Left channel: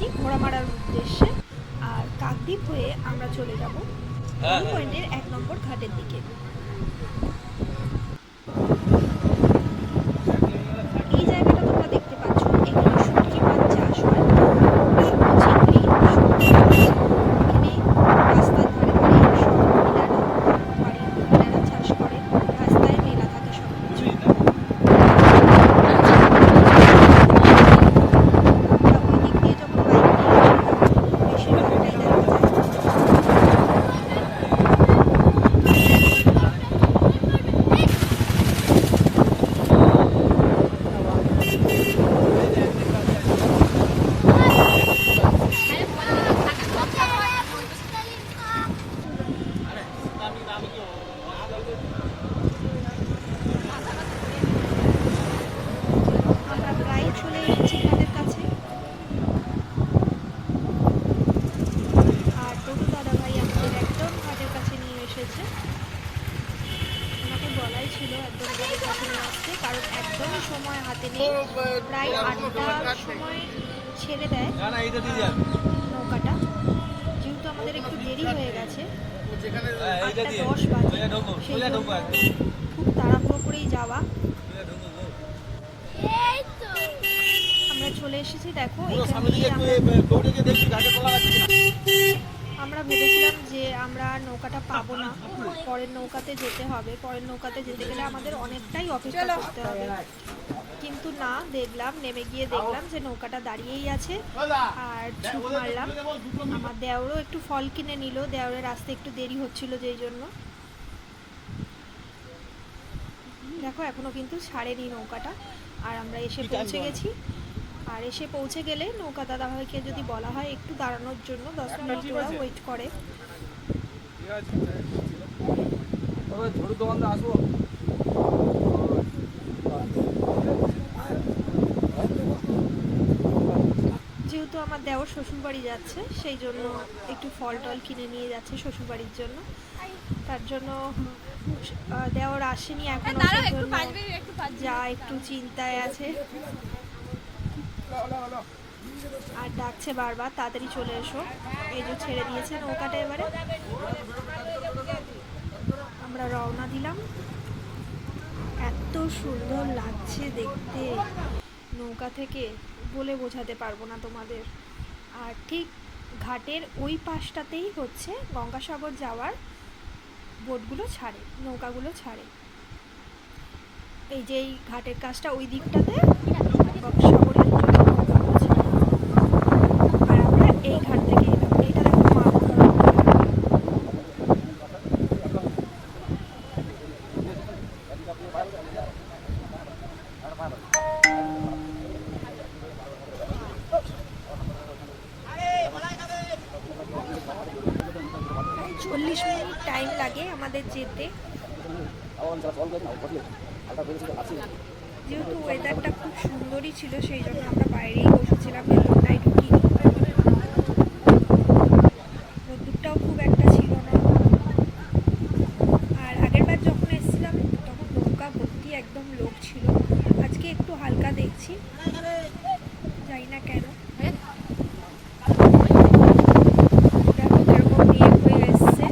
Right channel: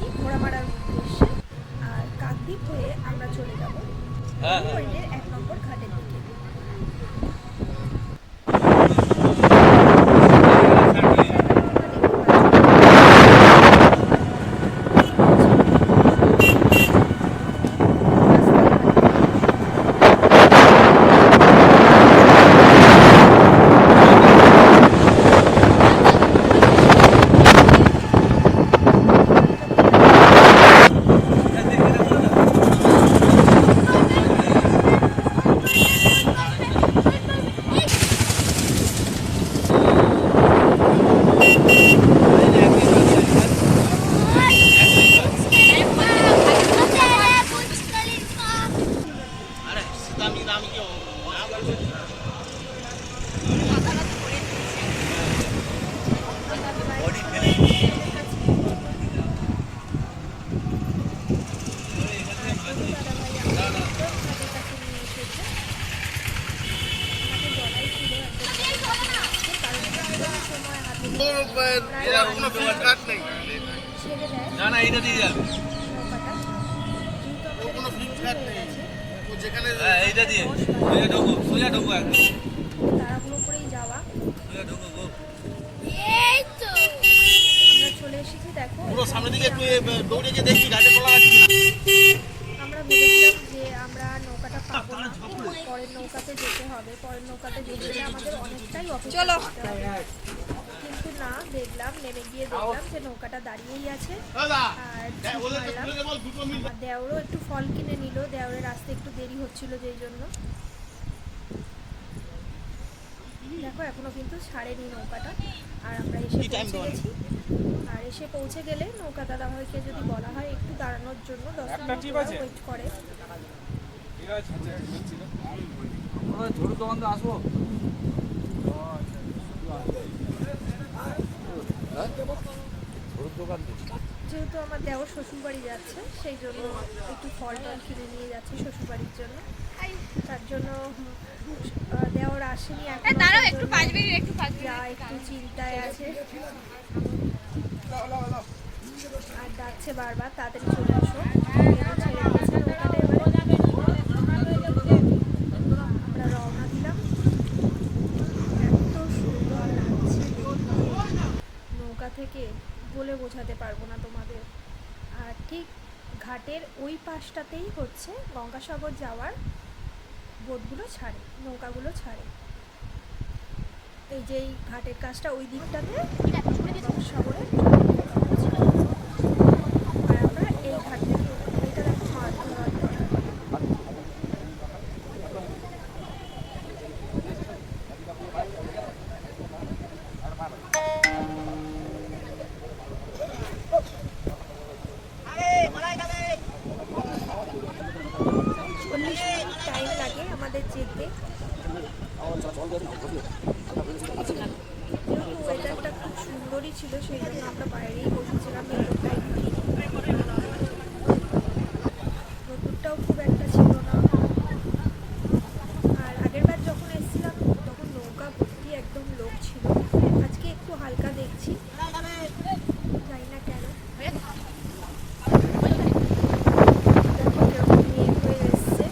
যাচ্ছি ঘোড়ামারার উদ্দেশ্যে। আর কাকদ্বীপ হয়ে আমরা চলে যাব পয়েন্টের 1 নম্বর ঘাটের দিকে। ছেড়ে দেয় নৌকাটা, যেহেতু আমাদের একটু দেরি হয়ে গেছে খুব তাড়াহুড়ো করেই যাওয়া। আমরা চলে এসেছি, দেখো আমরা ভেবেছিলাম যে আমরা নৌকাটা পাবো না, পরের নৌকাতে যেতে হবে। পরের নৌকাতে যেতে গেলে আমাদের অনেকটাই অপেক্ষা করতে হবে, কিন্তু না, নেমে গিয়ে দেখলাম যে নৌকাটা দাঁড়িয়েই আছে। আর ছুট মারলাম। আমার দেওরও একটু ফল কিনে নিল, দেওরের আসতে একটু দেরি হচ্ছিল যেই জন্য। দেখো এখনো কিন্তু ছাড়েনি নৌকাটা, আর আমরা এসে পৌঁছে গেছি। আর এসে পৌঁছে গেলে নৌকা দাদাভাইকে যদি বলা হয় একটু দাঁড়ানোর জন্য 10 মিনিট ওয়েট করে। যেহেতু আমার দেওর শ্বশুরবাড়ি যাচ্ছে, সেই জন্য একটু ফল টল কিনে নিয়ে যাচ্ছে শ্বশুরবাড়ির জন্য। তার জন্য দেওর আসেনি এখন, যা একটু চিন্তায় আছে আর ডাকছে বারবার তাড়াতাড়ি চলে এসো। এই যে ছেড়ে দিয়েছে নৌকাটা, এবারে আমরা রওনা দিলাম। এত সুন্দর লাগছে দেখতে নৌকা থেকে, বলে বোঝাতে পারবো না তোমাদের। আর ঠিক ঘাটের ওই পাশটাতেই হচ্ছে গঙ্গাসাগর যাওয়ার বোটগুলো ছাড়ে, নৌকাগুলো ছাড়ে। এই যে এই ঘাটের কাজটা ওই দিকটাতে গঙ্গাসাগরের নৌকাগুলো ছাড়ে। আর আমরা এই ঘাট থেকে এটা দেখো মাছ ধরা। টাইম লাগে আমাদের যেতে, যেহেতু ওয়েদারটা খুব সুন্দরই ছিল সেই জন্য আমরা বাইরেই বসেছিলাম, ভেতরটাই ঢুকিনি। রোদ্দুরটাও খুব একটা ছিল না। আর আগের বার যখন এসেছিলাম তখন নৌকা ভর্তি একদম লোক ছিল, আজকে একটু হালকা দেখছি, জানি না কেন। দেখো কিরকম মেঘ হয়ে এসছে।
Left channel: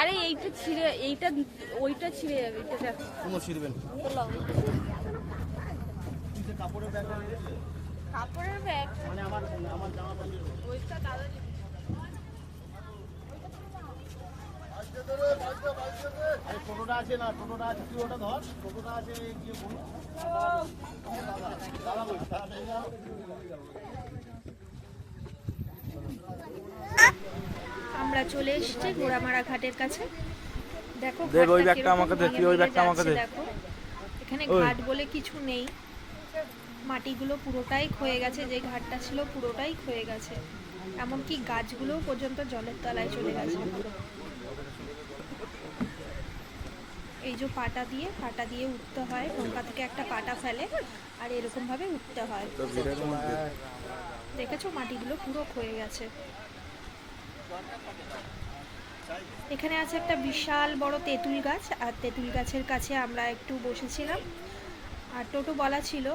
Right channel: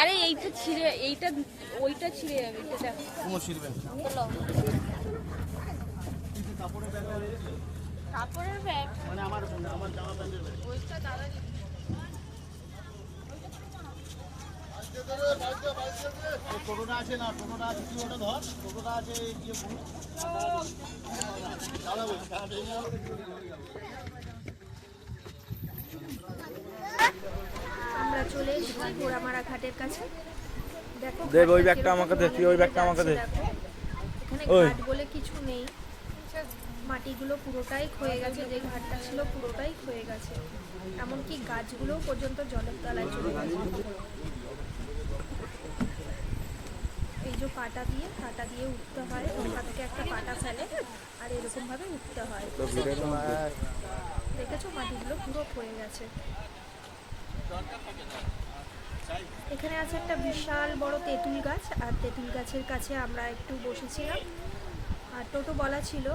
আরে এইটা ছিঁড়ে, এইটা ওইটা ছিঁড়ে যাবে। কাপড়ের ব্যাগ মানে আমার জামা প্যান্টের ব্যাগ ওইটা দাদা টোটোটা আছে না, টোটোটা আছে, কি ওটা ধর, টোটোটা আছে গিয়ে বলুন দাদা বলছি। আমরা চলে এসেছি ঘোড়ামারা ঘাটের কাছে। দেখো দেব, ওই ঘাটটা ব্যাগটা কিরকম আমাকে দে, তুই ওই মিলে ব্যাগটা আমাকে যাচ্ছে দে। দেখো, এখানে ওই। ঘাট বলে কিছু নেই, মাটিগুলো পুরোটাই ক্ষয়ে গেছে, যে ঘাটটা ছিল পুরোটাই ক্ষয়ে গেছে, এমনকি গাছগুলো পর্যন্ত জলের তলায় চলে গেছে। এই যে পাটা দিয়ে উঠতে হয়, নৌকা থেকে একটা পাটা ফেলে আর এরকম ভাবে উঠতে হয়। তো ভিডিওর মধ্যে দেখেছো মাটিগুলো পুরো ক্ষয়ে গেছে। এখানে আছে একটা বিশাল বড় তেঁতুল গাছ, আর তেঁতুল গাছের কাছে আমরা একটু বসেছিলাম, আর টোটো বলা ছিল,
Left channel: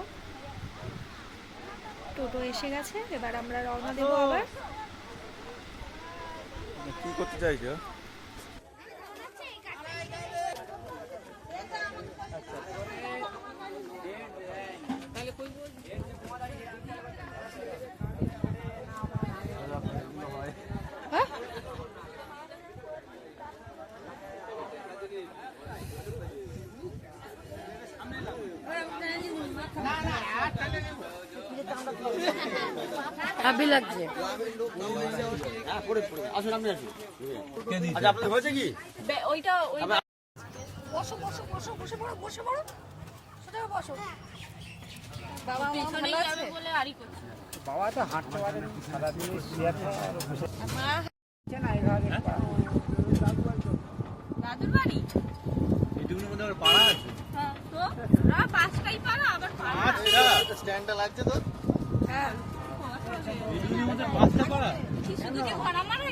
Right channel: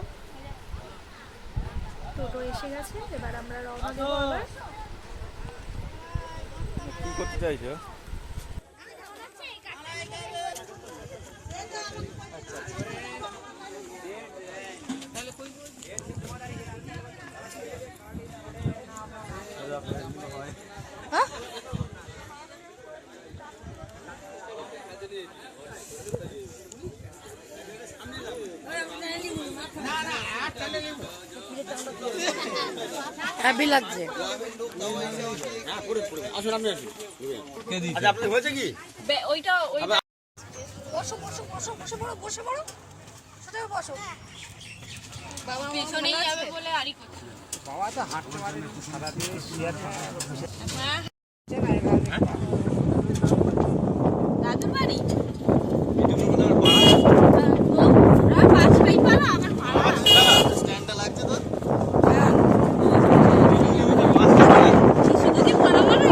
টোটো এসে গেছে, এবার আমরা রওনা দেবো আবার। কি করতে চাইছো? হ্যাপি লাগছে। আচ্ছা, আপনার হয়েছে কি? ওইটা বসো বসো বসো বসে পড়ো বসে পড়ো, সেটাও বসো। বাবা পেছনেই যাবে বলে আরই করছে। বাবা তো হাঁটতে পারে না, সারাদিন শুয়ে থাকে। হ্যাঁ না এভাবে দাদুর বাড়ি পাঁচ ভাই পালা আবার পালা স্ট্যান্ডটা লাগছে তো? শিশু দুজি পালাবো না,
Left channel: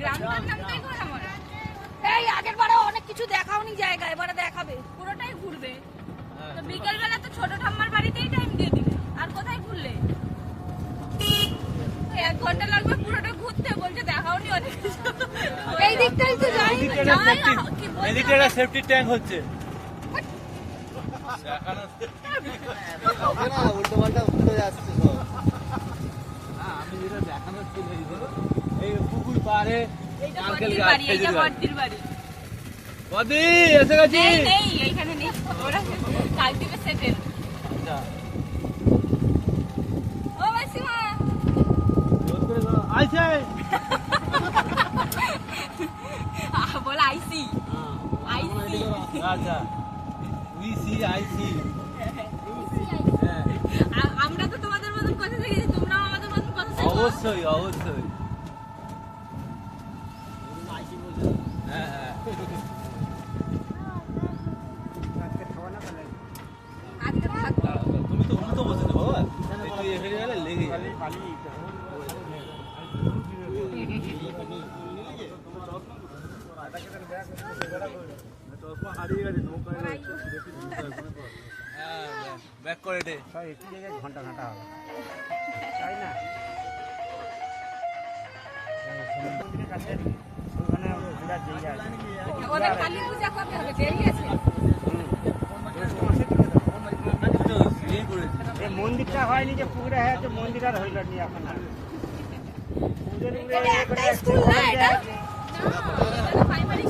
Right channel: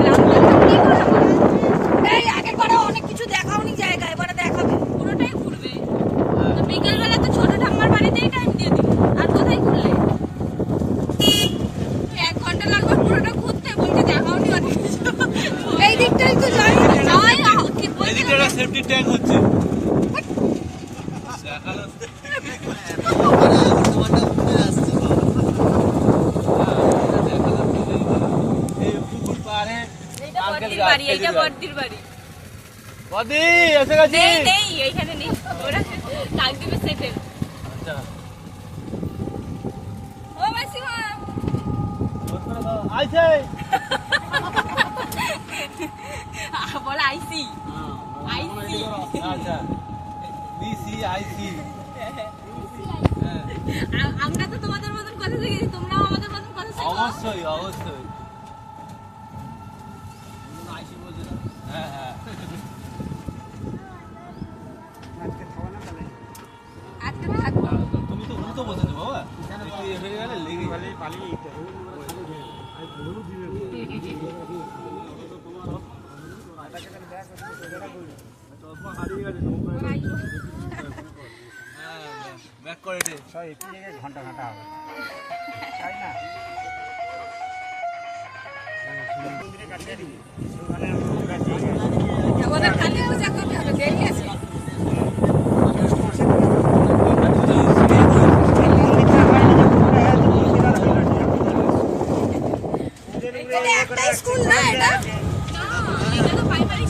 গ্রাম বাংলাতেই পালাবো। এই আগের বারে অনেক কিছু দেখাওনি জায়গা, এবারে দেখাবে, পুরোটাই ঘুরবে। তো বিকেলবেলা তো ছোট ঠাম্মার বাড়িতেই টাইম দিয়ে দিলে, আর কোথায় ঘুরলে? 1 ঘন্টা লাগবে পুরোটা ঘুরতে, বলতে দেখাওনি অনেক কিছু। এই দিকটাই তো যাই কি বলছো? এদিকে একটা সেফটি ট্যাঙ্ক হচ্ছে। এই পুকুর পাড়ে এইটা আঙ্কেল বড়দির গাছ বাড়ি, এইটা খেজুর গাছ। বড়দির বাড়ি। বদি এসে গেছি। নেই নেই এইখানে নেই, ওরা কাকদ্বীপে সেটেল। আচ্ছা, ও মাসিমা জোর করে দাও। আইছে। বল আইসি আইসি। আচ্ছা, উই সি আই সি। আমরা তো তোমাদের মতন কথা শিখেছি, তোমরাও আমাদের মতন কথা শেখো। অবশ্যই অবশ্যই। হ্যাঁ হ্যাঁ। আজকে খাওয়া না তাহলে আজকে থাকবো। তুমি তো উল্টো বসেছো বাবা, তুই এসে গেলে লেগে যাবে। পালিয়ে যেতে হবে। হ্যাঁ, ব্যাক করে দে। সব একটু জায়গায় ঘন্টা ঘন্টা হবে, তাই না? মন্দিরের কাছে ওখানে ঘোরার জায়গা আছে। ওদের কালী পূজা কবে হবে? দেরি আছে। আগস্ট মাসে এই মন্দিরটা হয়নি যে পুকুরে, হ্যাঁ তো মন্দির আর হইল ঠিক আছে। পুকুরের উপরে এখানে একটাই স্কুল না এটা? না, এটা তো প্রাইমারি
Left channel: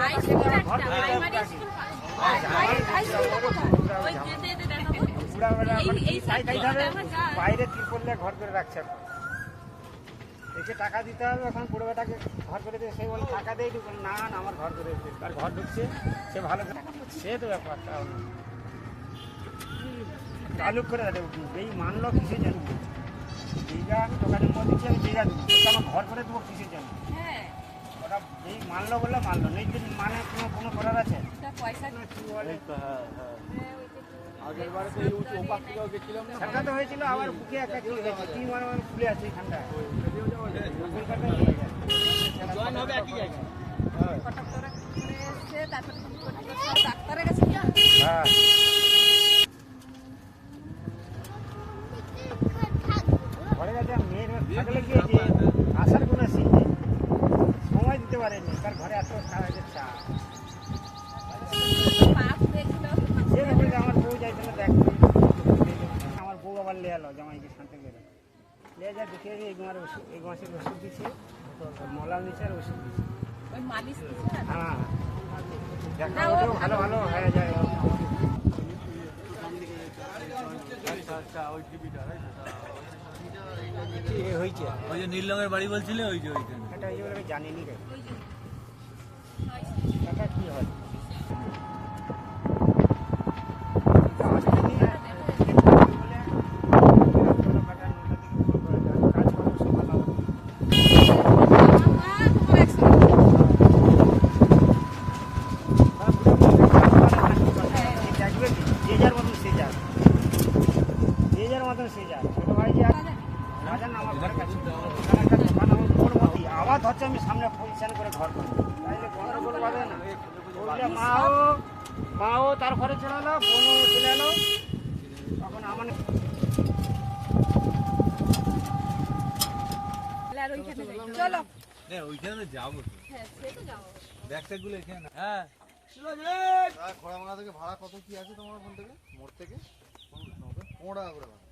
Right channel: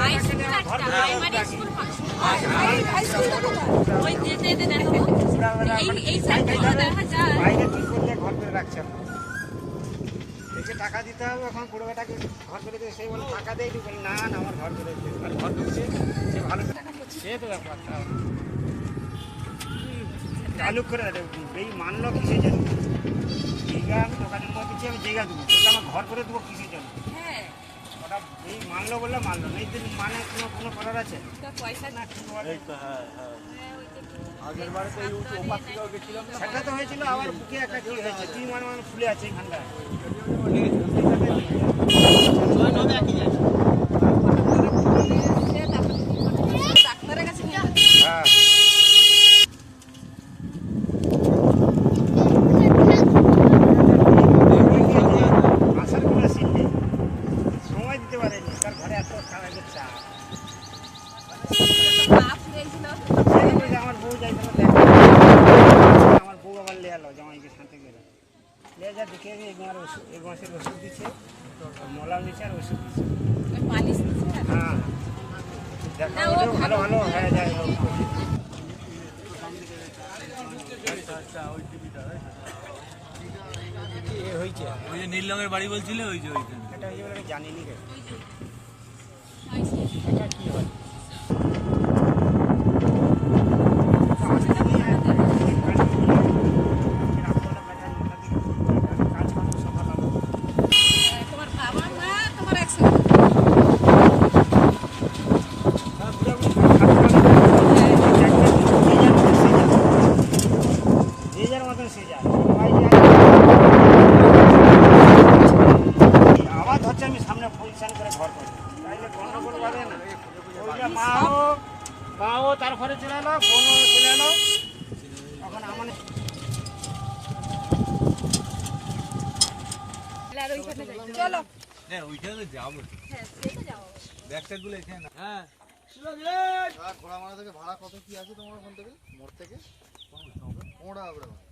হাই স্কুল একটা, প্রাইমারি স্কুল হাই স্কুলটা কোথায়? ওই যেতে যেতে দেখো এই সাইডটা দেখা যায়। বাইরে কি করলে ঘর করে রাখছে না, এসে টাকা দিতে হবে। এখন পুরো বেটাকে ঘর করে দিয়ে সেই বলে টাকা দেয়, তুই বলে না না আমার ঘর করে দিতে, আর ঘর করছে সে ভালো সে তো ব্যাপার। চালু করে এই মানলো কিসের জন্য? জায়গা আমি দোকানের মধ্যে দিচ্ছি, আমি জায়গা দেবো, তোকে আমার ঘর করে দেবো কিসের জন্য? হ্যাঁ, ওটা এই মানলো বললে মানলো না, এই যে মানে কোনো করার আছে তা পয়সা না কি বলে? হ্যাঁ হ্যাঁ। আগের বারে তো এই ওপাশ থেকেও গেছিলাম, সেটা তো হয়েছিল। আবার বুকে একটা কি হয়েছে, কি মানে ফুলে আছে এখানটায়। ডাক্তারের কাছে নিয়ে হ্যাঁ আসার কোনো সিট নেই, সময় দিতে পারেনি, তার ঘরে এত কাজের চাপ। পা ফুলেছিল। সেই বলে আমার বউ যাইছিল দেখ, আমার বউ আবার লে এলো জামাইকে শান্তি করে লে যা দেখে এই মাসের ওষুধ দিচ্ছে, মলাও নিচ্ছে আর ওষুধ দিচ্ছে। ওই মালিশ দিছে না? হ্যাঁ দেখা না, ও হলেও ভালো। ভালো ভালো হয়ে যায়। আচ্ছা, ওই টিভিটা এ হয়েছে ওই যে নীল রঙের বাড়ি বলছিলে, ওই যে ওইখানে। টাকাটা হয়েছে বলে আমি জানিনি রে ওই যে আইসি টাকা কি হয় তোমার একসাথে আবার ধরছে আমি সামনে পজিশন করে ঘর করি তাইলে গন্ডগোল বাঁধে না ওইটা মাও তার ঘরে চলে এলো বোনও চলে এলো তখন আমার আর ওইখানে যাই চলো হ্যাঁ ওইখানে তো যাবো তো। হ্যাঁ সে তো যাও ব্যাগট্যাগুলো এখানে না। হ্যাঁ খোড়ামারা থেকে ভাড়া কত কি আছে তোমার ওখান থেকে মোড় থেকে 15 টাকা করে ভাড়া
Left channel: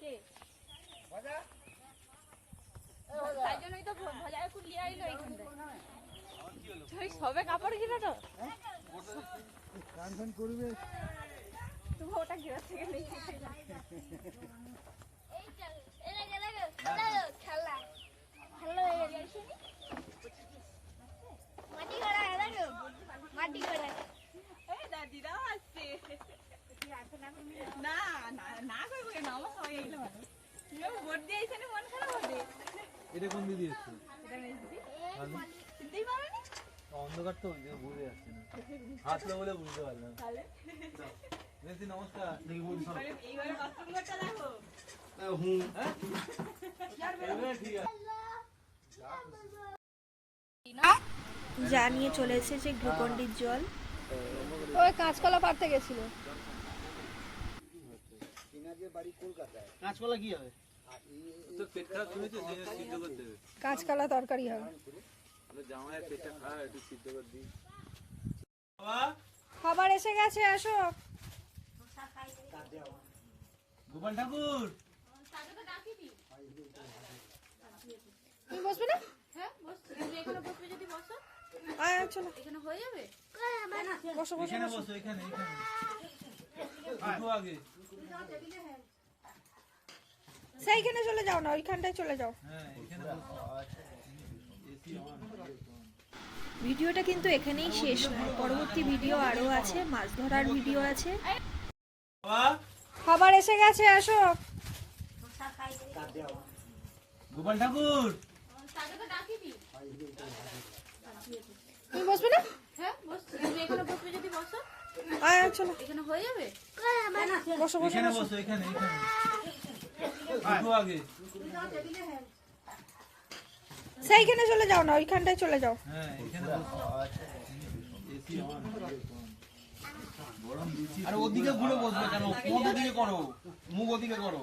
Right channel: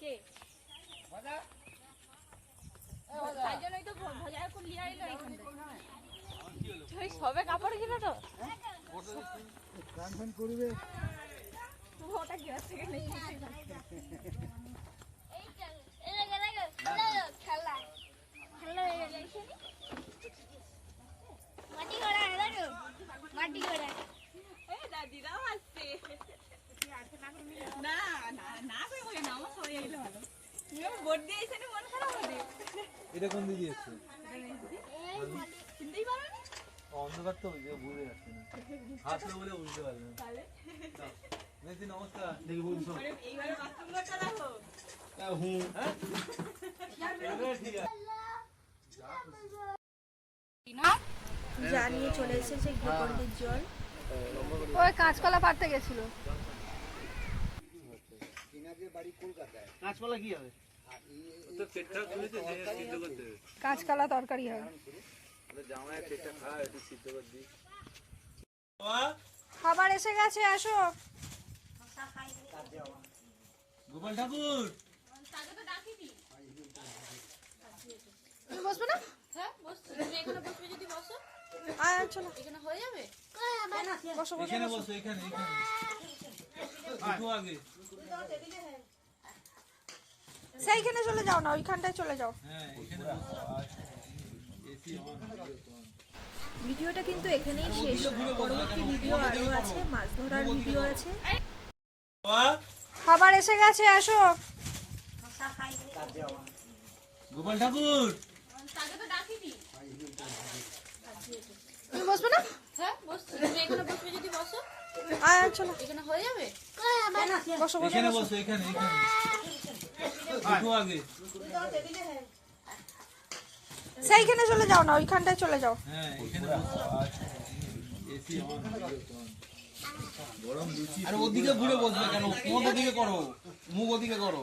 কে তাই জন্যই তো ভজায় করে লিয়ে আইলো এইখানটায় তুই সবে কাপড় কিনা তো গান করবে তুমি ওটা গ্যাস থেকে নিয়ে এসে এই দাদিরাও আসছে না না না কই বই না আমার সবাই এগুলো ভালো তুমি বোর্ড দিয়ে আইছে না মন খারাপ হবে এটা কোন দিদি এসছে চিনতেই পারবে না অন্ধকার তো ওই যে বুঝে যাচ্ছে না হাসলো বলে বুঝতে পারলাম তাহলে মেসি নমস্কার দেখি বলছো এইবারে বাথরুমটা দেখো হুম হ্যাঁ ঠিক আছে জানিয়ে চলে এসেছে গ্লুকন্ডির জল ওই কাঁচকলা পাড়তে গেছিল কাঁচকলা কি হবে তো পেট খারাপ শুনেছে যে সিদ্ধ করতে হবে কাঁচকলা তরকারি হয় জামাই পেটটা খারাপ একটু সিদ্ধ করে দিই খাবার এসে গেছে আসো গোপাল ঠাকুর তুমি বসবে না হ্যাঁ বসছি তুমি এখানে বসবে যদি বসো আয় চলো এখানে হয়ে যাবে বসো বসো এখানে বসো এখানে এখানে একটু আগে সেইখানে চলে যাও না ওইখানটায় চলে যাও হ্যাঁ এখানে বসো এসি অন ভিডিওটা কিন্তু এখানেই শেষ নয় পরবর্তী ভিডিও আরও আছে মাছ ধরার ভিডিও আছে খাবার এসে গেছে আসো গোপাল ঠাকুর তাকে তো ডাকিনি তুমি বসবে না হ্যাঁ বসছি তুমি এখানে বসবে যদি বসো আয় চলো এখানে হয়ে যাবে বসো বসো এখানে বসো এখানে এখানে একটু আগে সেইখানে চলে যাও না ওইখানটায় চলে যাও হ্যাঁ এখানে বসো এসি অন গরম লুচি আর ওদিকে ঘুরে বসবে কেন কোন দিকে করো মুখ ওদিকে করো